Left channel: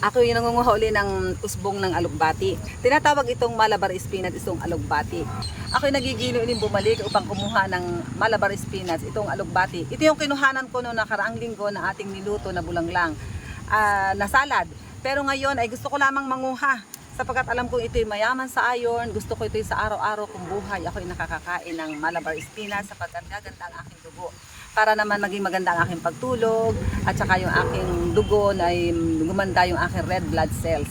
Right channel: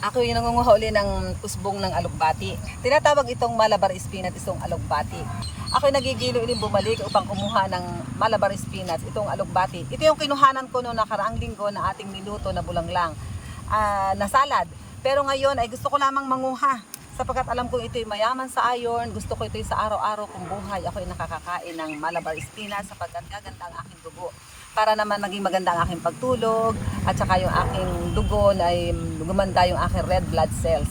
Ako yung nangunguha uli ng usbong ng alugbati. Tinatawag itong Malabar spinach, itong alugbati. Ako yung nagigilo ulit bumalik upang kumuha ng Malabar spinach, itong alugbati. Ito yung kinuhanan ko noong nakaraang linggo na ating niluto na bulanglang na salad. Pero ngayon ay gusto ko lamang manguha. Sapagkat alam ko ito'y mayaman sa iron, gusto ko ito'y sa araw-araw kong buhay. Ako'y nakakakain ng Malabar spinach sapagkat gaganda ang aking dugo. Para naman maging maganda ang aking pagtulog at saka yung aking dugo ay gumanda yung aking red blood cells.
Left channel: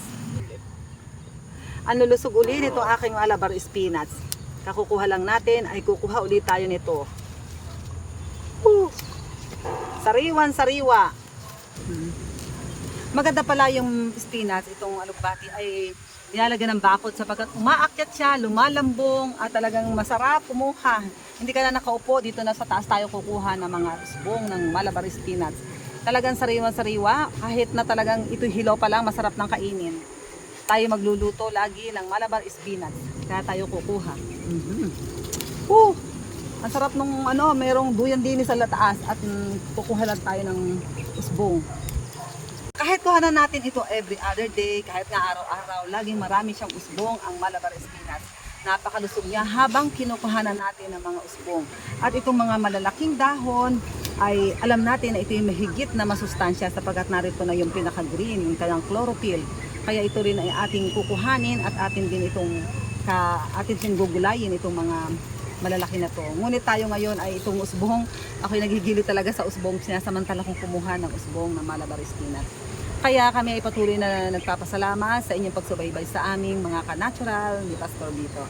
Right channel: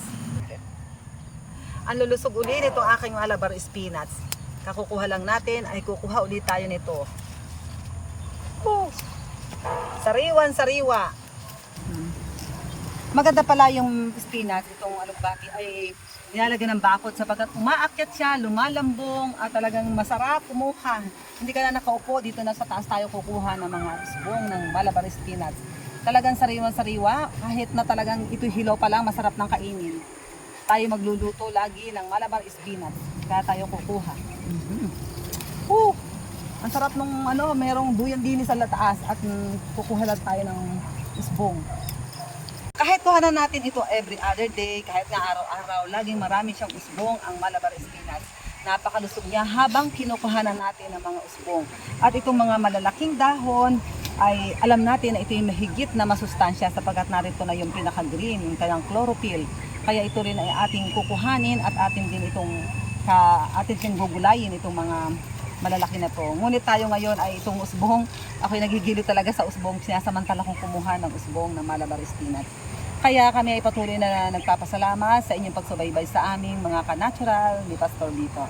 Ang lulusog uli nito aking Malabar spinach. Kakukuha lang natin ay kukuha ulit tayo nito. Sariwan sariwa. Maganda pala yung spinach, itong alugbati ay nilalagyan ng bakod sapagkat umaakyat siya, lumalambong at talagang masarap kumuha. Hindi ka na nakaupo, dito na sa taas tayo kukuha ng mga usbong ng Malabar spinach. Talagang sariwan-sariwa, kahit na talagang ito'y hilaw pa lang, masarap ng kainin. Tayo magluluto lagi ng Malabar spinach, kaya tayo kukuha. Ang sarap nung merong duyan din sa taas at kukuha lang tayo ng usbong. Kahit kuhanan natin ito every other day, kahit nga araw-araw, laging marami siyang usbong ang Malabar spinach. Napakalusog niya habang kinukuhanan natin ng mga usbong. At itong mga malalaking dahon ay alam natin na ito yung mahigit na masustansya sapagkat narito na yung pinaka-green, yung kayang chlorophyll. Kaya ito rin ay ating kukuhanin at atin din itong atin siyang gugulayin itong mga malalaki na to. Ngunit tayo ngayon ay itong usbong, ako'y nagigilo talaga sa usbong, sinasamantala kong kumuha ng usbong ng Malabar spinach. Kaya kami ay patuloy na nagpapasalamat sa inyong pagsubaybay sa aming mga ka-natural ni Pastor Lito.